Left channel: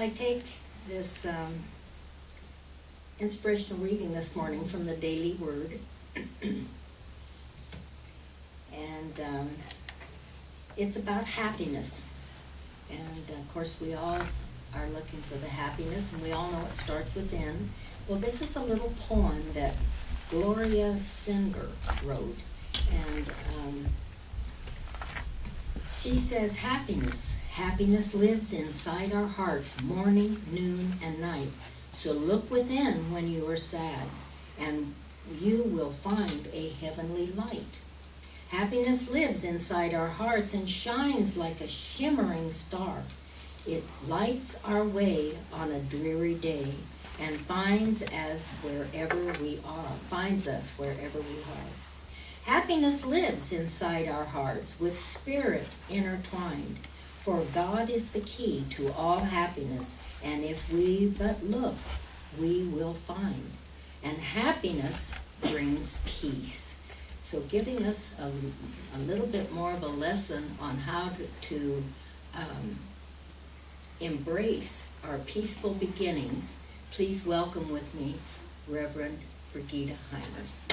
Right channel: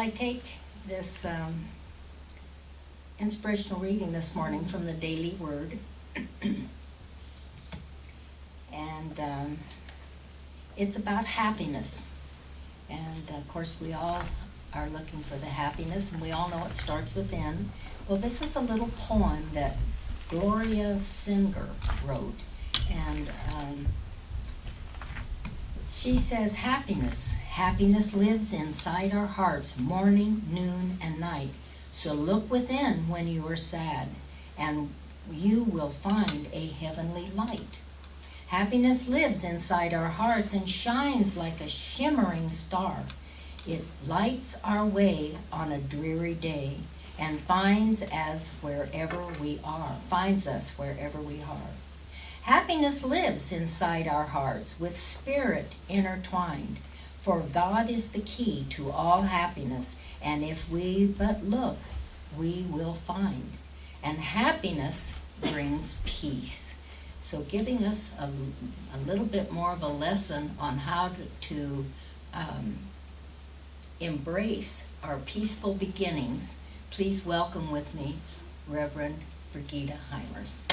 I take this inspirational reading this morning from the Daily Word. And it's about happiness. And of course we all are looking for the happiness, and we all know it starts within. Well, this is a little poem that Gloria Singer wrote. And she says, happiness lives inside our hearts morning, noon, and night. So look within when you are sad, and you will find a heavenly light. Happiness lives inside our hearts and shines like a shimmering star. It lights our way on a dreary day and finds us wherever we are. Happiness lives inside our hearts with spirit intertwined, for God is the key to all happiness, and if we but look, we will find. And happiness brings peace. So giving us a little bit more of a lesson on how to embrace our peaceful beginnings, please welcome with me Reverend Brigitte Heimers.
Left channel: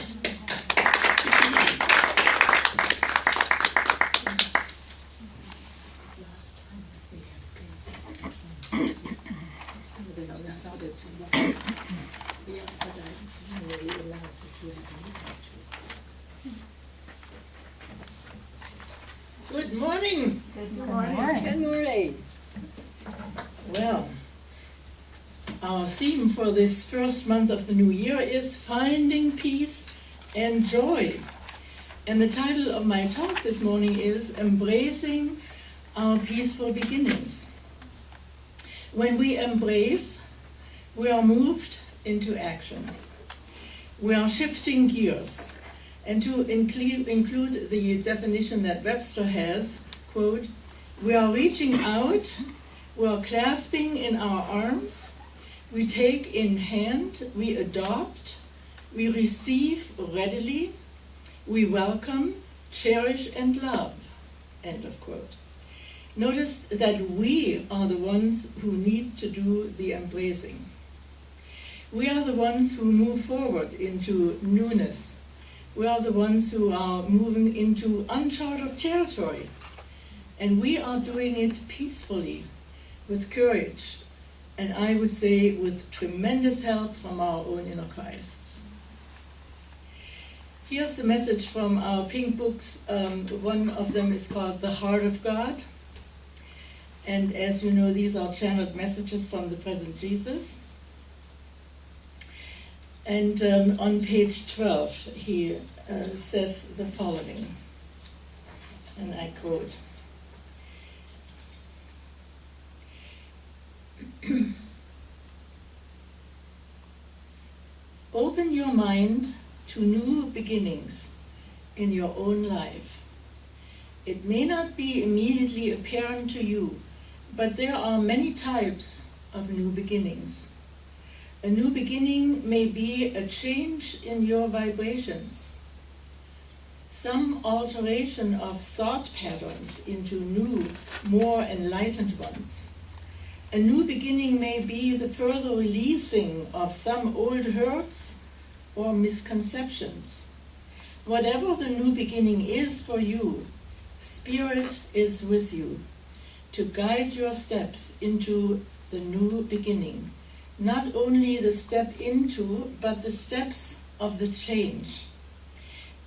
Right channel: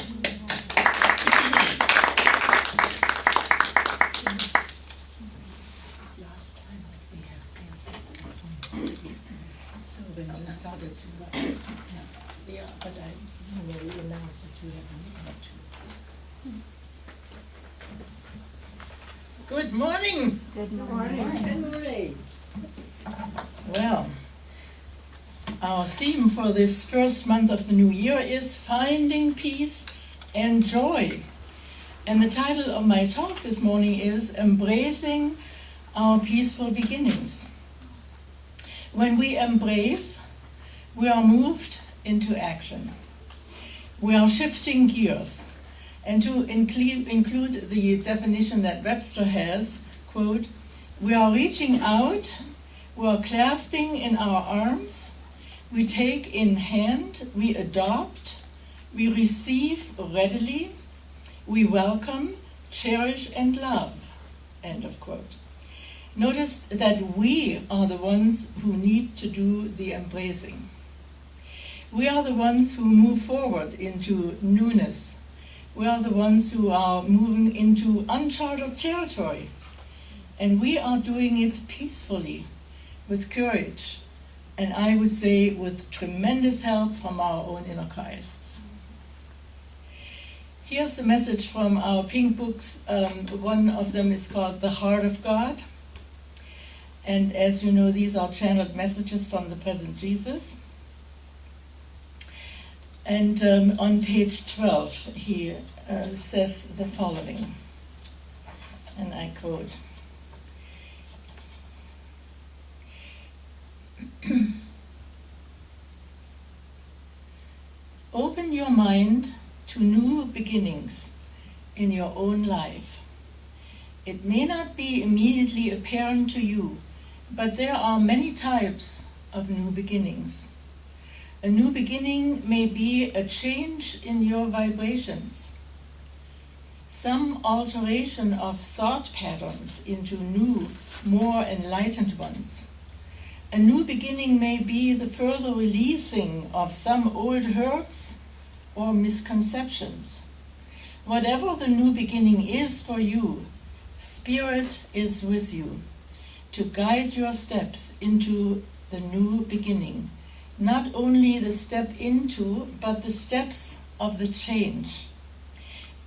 Good morning. Good morning. Good morning. Well, our theme for this first month of the new year is Finding Peace and Joy. And the title of my talk this morning is Embracing Our Peaceful Beginnings. When we embrace, we are moved into action. We are shifting gears. And to include the definition that Webster has, quote, we are reaching out, we are clasping in our arms, we take in hand, we adopt, we receive readily, we welcome, cherish, and love, end of quote. Notice that we are the ones who need to do the embracing. We are the ones who move forward into newness. We are the ones who are moving into uncharted territory. And we are doing it peacefully, with courage, and I would say with tremendous help from our own inner Christs. Here's the message from our pink books. One of them is called The Heart of God. And as you know, these are channeled messages from the present Jesus. And on page 12, he says the following, and I quote, open your mind to new beginnings in your own life. It may not be immediately apparent to you, but there are many types of new beginnings. A new beginning may be a change in your vibrations, some alteration of thought patterns into new, more enlightened ones. A new beginning may be the further releasing of some old hurts or misconceptions. Whatever the new beginning is for you, Spirit is with you to guide your steps into the new beginning. Not only the step into, but the steps of the change.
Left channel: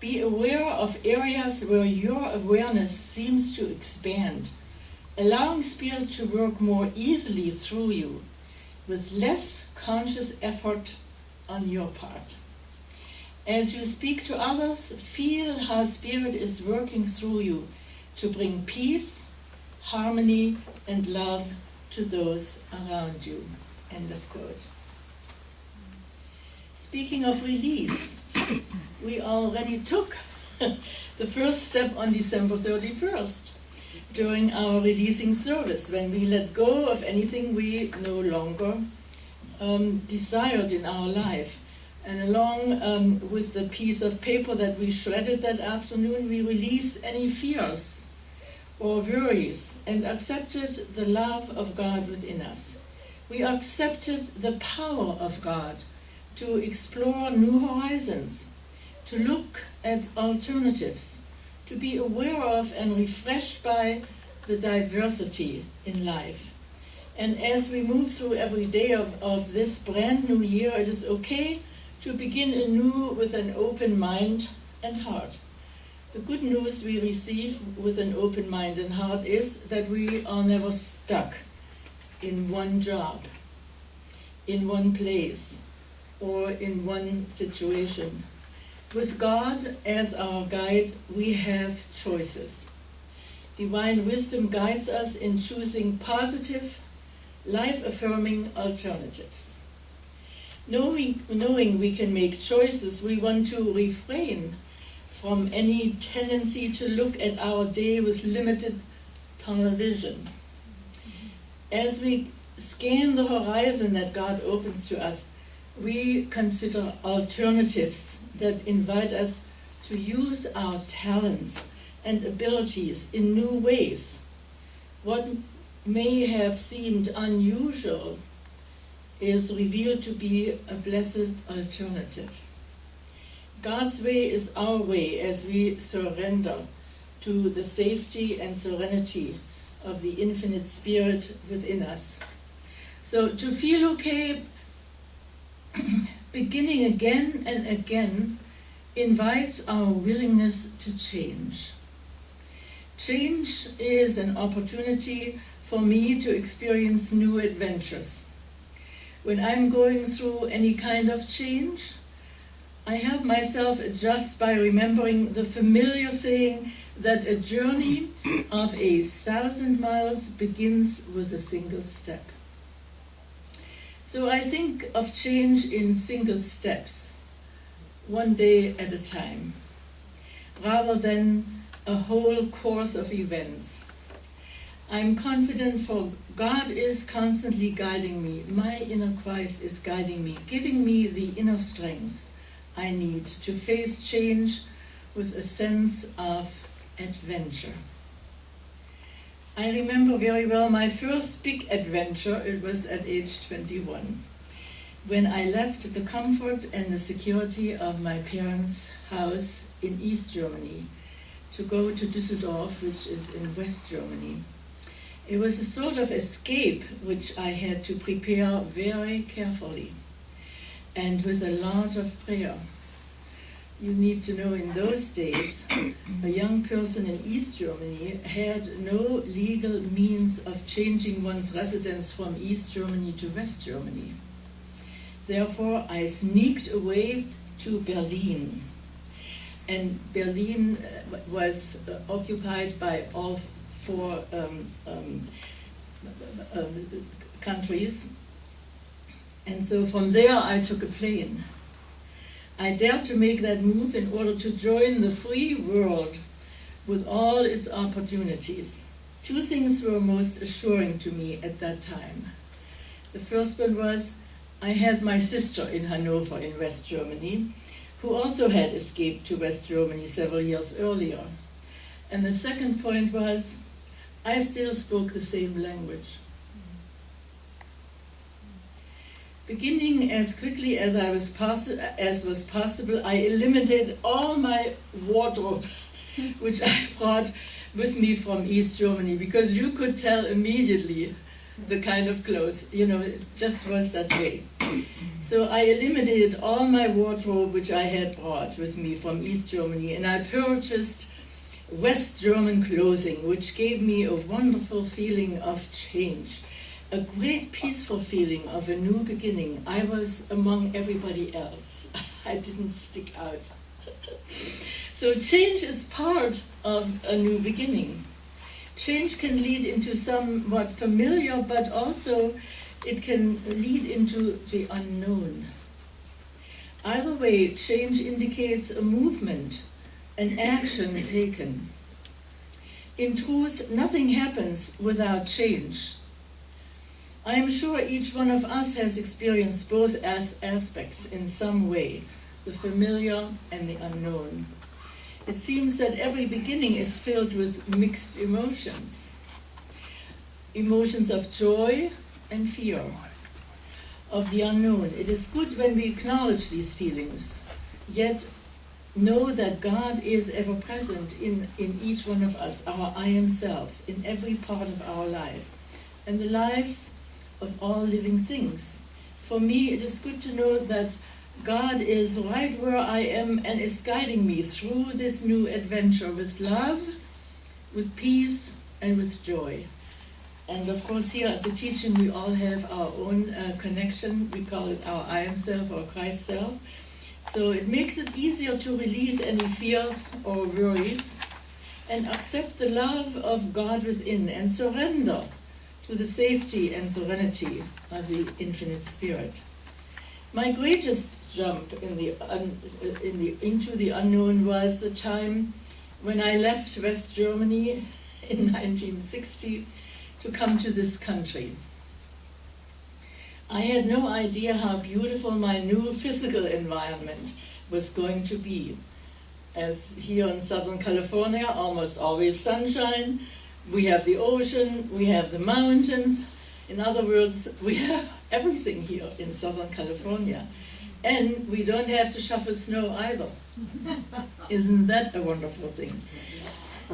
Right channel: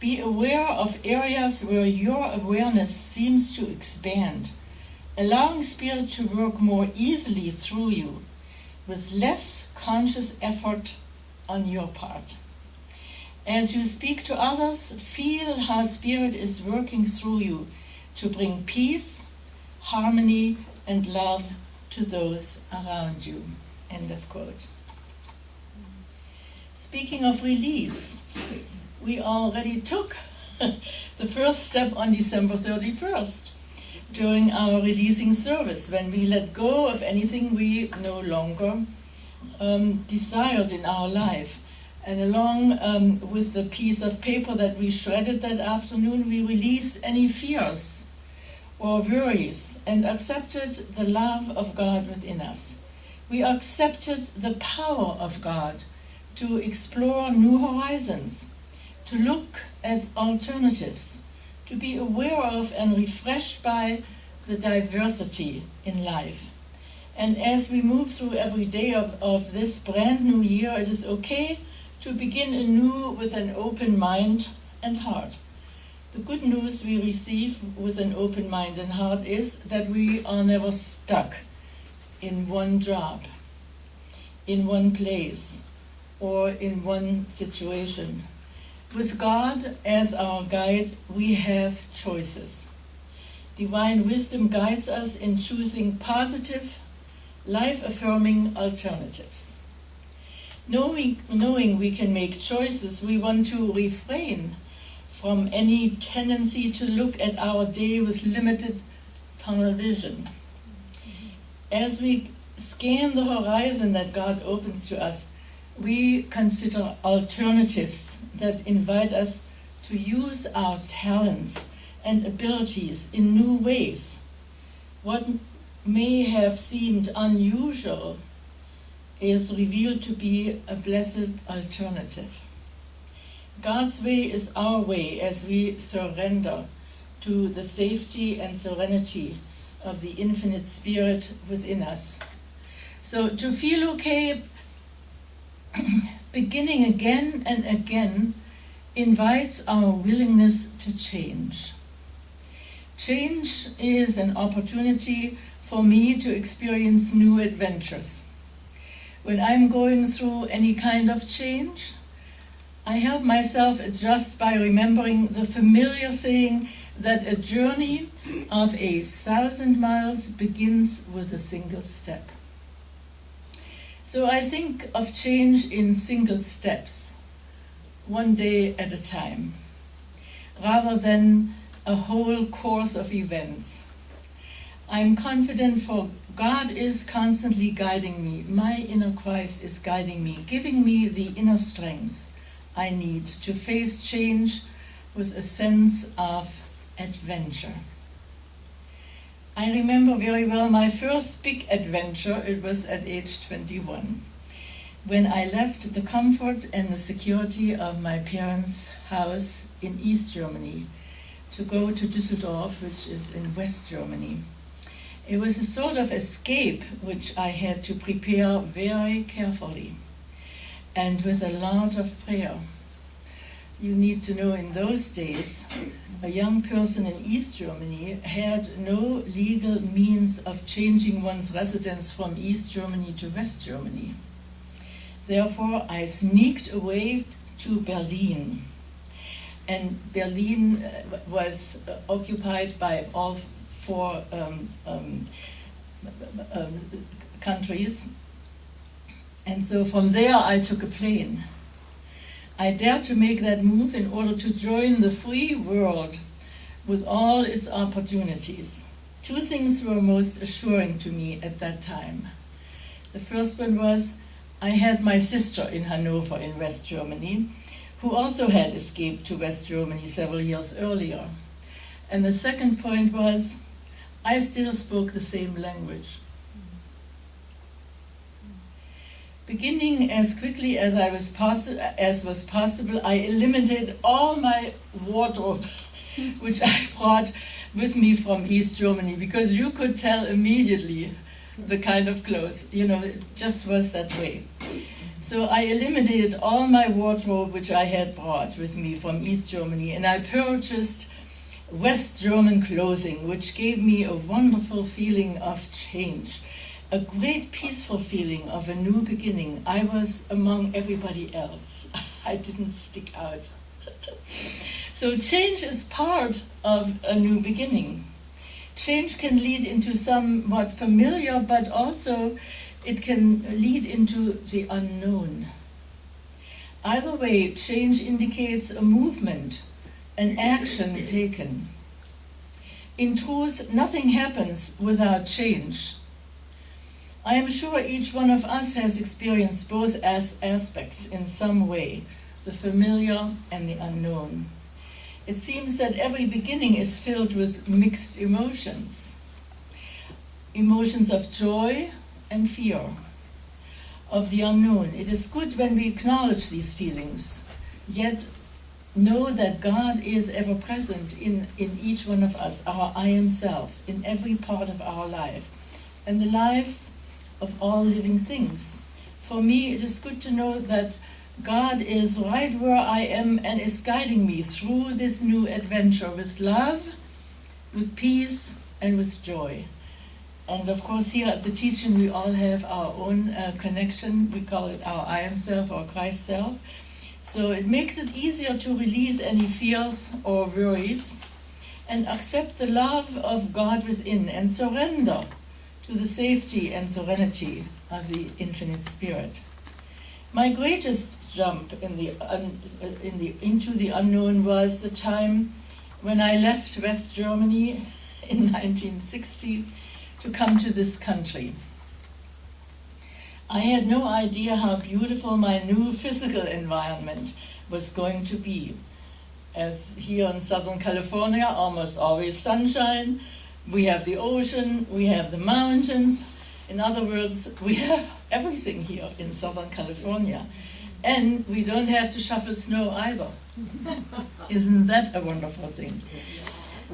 Be aware of areas where your awareness seems to expand, allowing Spirit to work more easily through you, with less conscious effort on your part. As you speak to others, feel how Spirit is working through you to bring peace, harmony, and love to those around you. End of quote. Speaking of release, we already took the first step on December 31st during our releasing service, when we let go of anything we no longer desired in our life. And along with the piece of paper that we shredded that afternoon, we released any fears or worries and accepted the love of God within us. We accepted the power of God to explore new horizons, to look at alternatives, to be aware of and refreshed by the diversity in life. And as we move through every day of this brand new year, it is okay to begin anew with an open mind and heart. The good news we receive with an open mind and heart is that we are never stuck in one job, in one place, or in one situation. With God as our guide, we have choices. Divine wisdom guides us in choosing positive, life-affirming alternatives. Knowing we can make choices, we want to refrain from any tendency to look at our day with limited tunnel vision. As we scan the horizon that God opens to us, we consider alternatives that invite us to use our talents and abilities in new ways. What may have seemed unusual is revealed to be a blessed alternative. God's way is our way as we surrender to the safety and serenity of the infinite spirit within us. So to feel okay, beginning again and again, invites our willingness to change. Change is an opportunity for me to experience new adventures. When I'm going through any kind of change, I help myself adjust by remembering the familiar saying that a journey of 1,000 miles begins with a single step. So I think of change in single steps, one day at a time, rather than a whole course of events. I'm confident, for God is constantly guiding me. My inner Christ is guiding me, giving me the inner strength I need to face change with a sense of adventure. I remember very well my first big adventure. It was at age 21, when I left the comfort and the security of my parents' house in East Germany to go to Düsseldorf, which is in West Germany. It was a sort of escape which I had to prepare very carefully and with a lot of prayer. You need to know, in those days, a young person in East Germany had no legal means of changing one's residence from East Germany to West Germany. Therefore, I sneaked away to Berlin. And Berlin was occupied by all four countries. And so from there I took a plane. I dared to make that move in order to join the free world with all its opportunities. Two things were most assuring to me at that time. The first one was, I had my sister in Hanover in West Germany, who also had escaped to West Germany several years earlier. And the second point was, I still spoke the same language. Beginning as quickly as was possible, I eliminated all my wardrobe, which I brought with me from East Germany, because you could tell immediately the kind of clothes, it just was that way. So I eliminated all my wardrobe which I had brought with me from East Germany, and I purchased West German clothing, which gave me a wonderful feeling of change, a great peaceful feeling of a new beginning. I was among everybody else. I didn't stick out. So change is part of a new beginning. Change can lead into somewhat familiar, but also it can lead into the unknown. Either way, change indicates a movement, an action taken. In truth, nothing happens without change. I am sure each one of us has experienced both aspects in some way, the familiar and the unknown. It seems that every beginning is filled with mixed emotions. Emotions of joy and fear, of the unknown. It is good when we acknowledge these feelings, yet know that God is ever present in each one of us, our I am self, in every part of our life, and the lives of all living things. For me, it is good to know that God is right where I am and is guiding me through this new adventure with love, with peace, and with joy. And of course, here at the teaching, we all have our own connection. We call it our I am self or Christ self. So it makes it easier to release any fears or worries and accept the love of God within and surrender to the safety and serenity of the infinite spirit. My greatest jump into the unknown was the time when I left West Germany in 1960 to come to this country. I had no idea how beautiful my new physical environment was going to be. As here in Southern California, almost always sunshine, we have the ocean, we have the mountains. In other words, we have everything here in Southern California. And we don't have to shovel snow either. Isn't that a wonderful thing?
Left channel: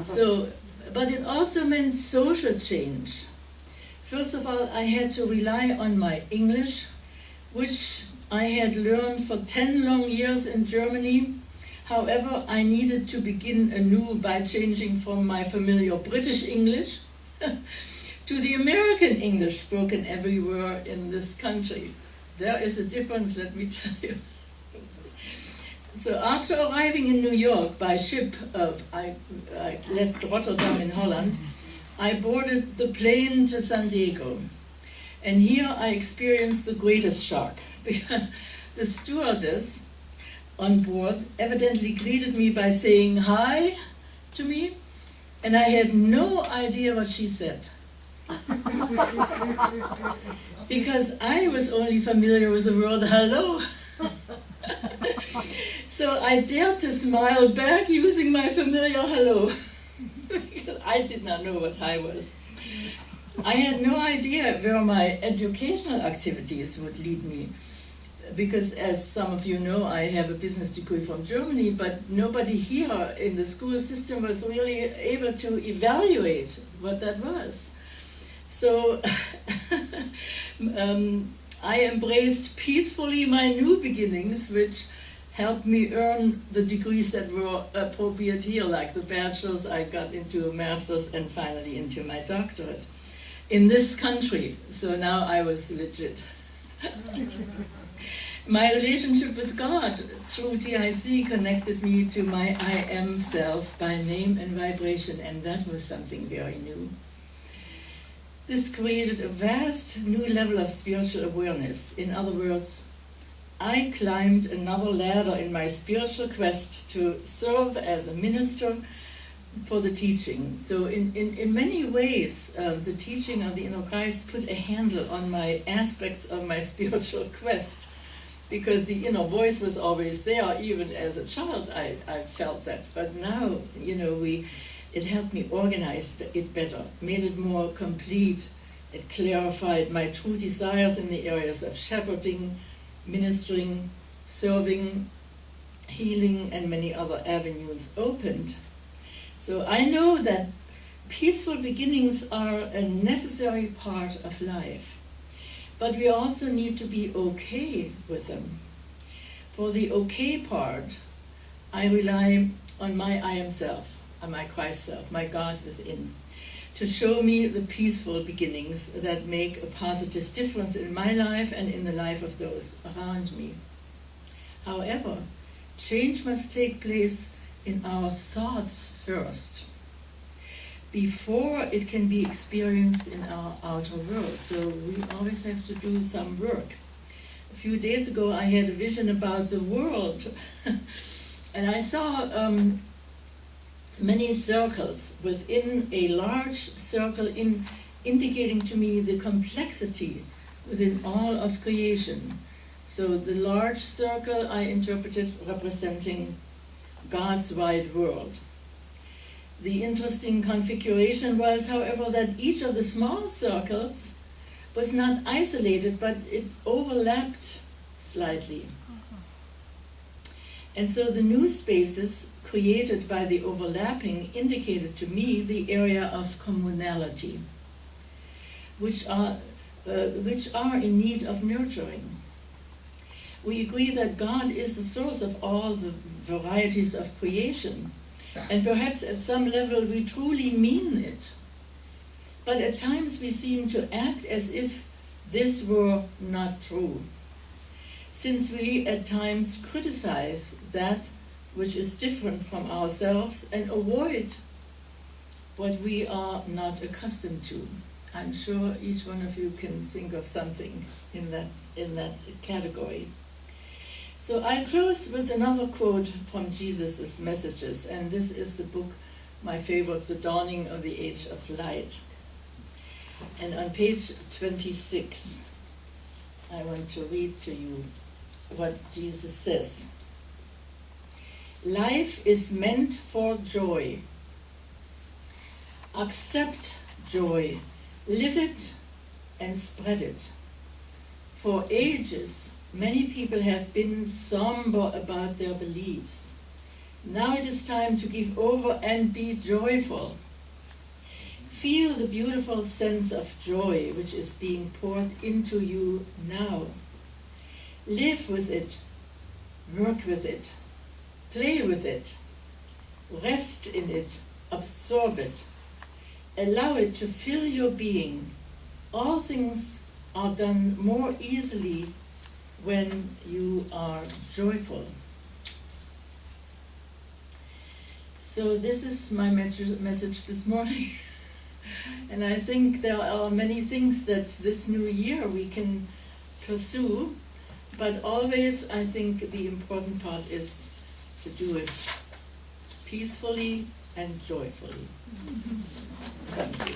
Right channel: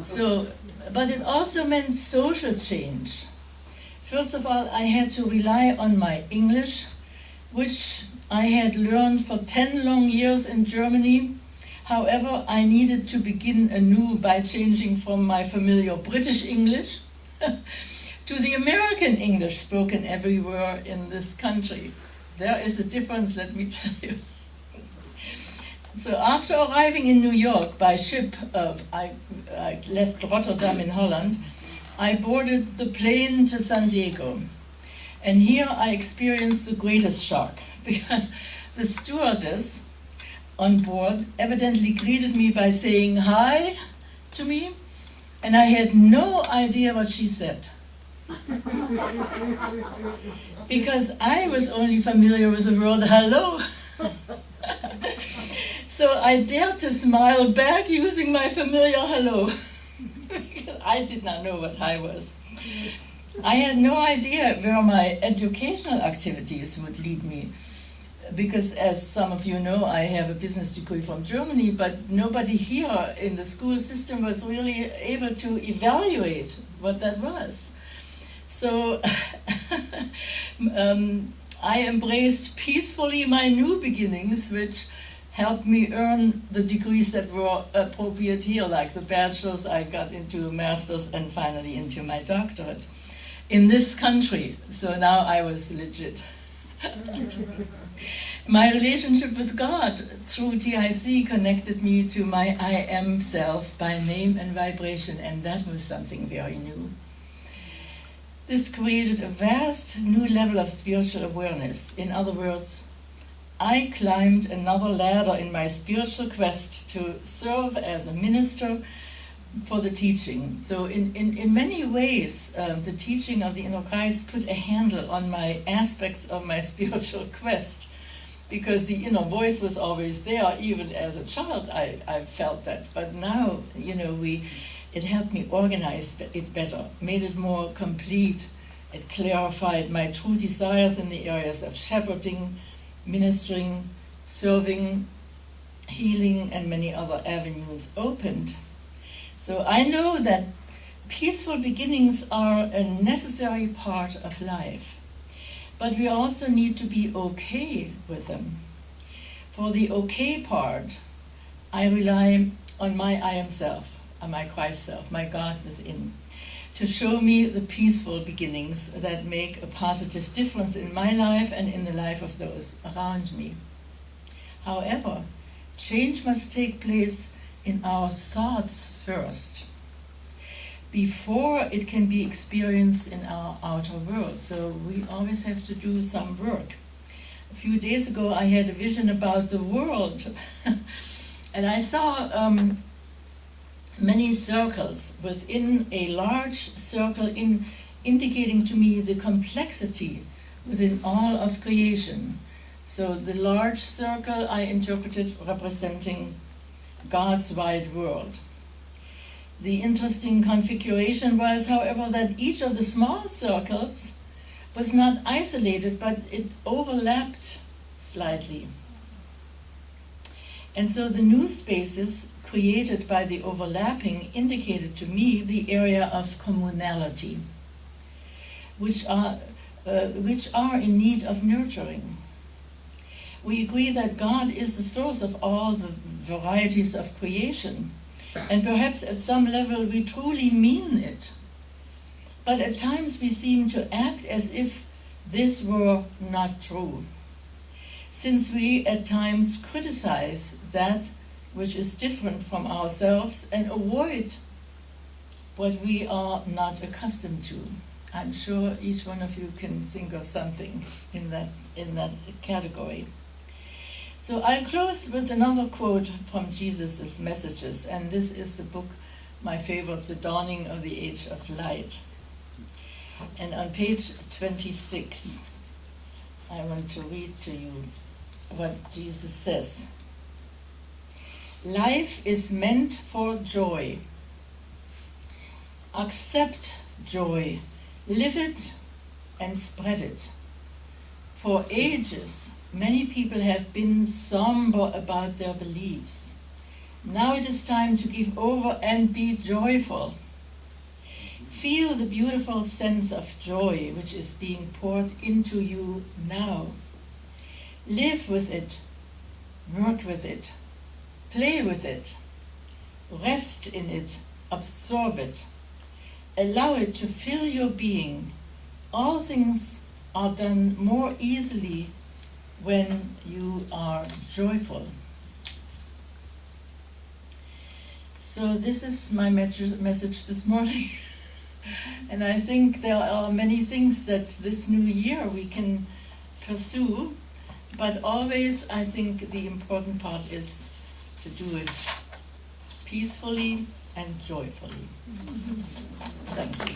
So, but it also meant social change. First of all, I had to rely on my English, which I had learned for 10 long years in Germany. However, I needed to begin anew by changing from my familiar British English to the American English spoken everywhere in this country. There is a difference, let me tell you. So after arriving in New York by ship, I left Rotterdam in Holland, I boarded the plane to San Diego. And here I experienced the greatest shock, because the stewardess on board evidently greeted me by saying hi to me, and I had no idea what she said. Because I was only familiar with the word hello. So I dared to smile back using my familiar hello. Because I did not know what hi was. I had no idea where my educational activities would lead me. Because as some of you know, I have a business degree from Germany, but nobody here in the school system was really able to evaluate what that was. So I embraced peacefully my new beginnings, which helped me earn the degrees that were appropriate here, like the bachelor's. I got into a master's and finally into my doctorate in this country. So now I was legit. My relationship with God through TIC connected me to my I am self by name and vibration, and that was something very new. This created a vast new level of spiritual awareness. In other words, I climbed another ladder in my spiritual quest to serve as a minister for the teaching. So in many ways, the teaching of the Inner Christ put a handle on my aspects of my spiritual quest, because the inner voice was always there. Even as a child, I felt that. But now, it helped me organize it better, made it more complete. It clarified my true desires in the areas of shepherding, ministering, serving, healing, and many other avenues opened. So I know that peaceful beginnings are a necessary part of life, but we also need to be okay with them. For the okay part, I rely on my I am self, on my Christ self, my God within, to show me the peaceful beginnings that make a positive difference in my life and in the life of those around me. However, change must take place in our thoughts first, before it can be experienced in our outer world. So we always have to do some work. A few days ago I had a vision about the world and I saw many circles within a large circle indicating to me the complexity within all of creation. So the large circle I interpreted representing God's wide world. The interesting configuration was, however, that each of the small circles was not isolated, but it overlapped slightly. And so the new spaces created by the overlapping indicated to me the area of communality, which are in need of nurturing. We agree that God is the source of all the varieties of creation, and perhaps at some level we truly mean it. But at times we seem to act as if this were not true, since we at times criticize that which is different from ourselves and avoid what we are not accustomed to. I'm sure each one of you can think of something in that category. So I'll close with another quote from Jesus' messages, and this is the book, my favorite, The Dawning of the Age of Light. And on page 26, I want to read to you what Jesus says. Life is meant for joy. Accept joy, live it, and spread it. For ages, many people have been somber about their beliefs. Now it is time to give over and be joyful. Feel the beautiful sense of joy which is being poured into you now. Live with it, work with it, play with it, rest in it, absorb it. Allow it to fill your being. All things are done more easily when you are joyful. So this is my message this morning. And I think there are many things that this new year we can pursue, but always I think the important part is to do it peacefully and joyfully. Thank you.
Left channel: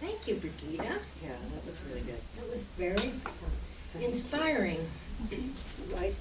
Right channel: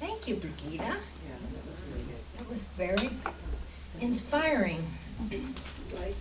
Thank you, Brigitte. Yeah, that was really good. That was very inspiring. Right.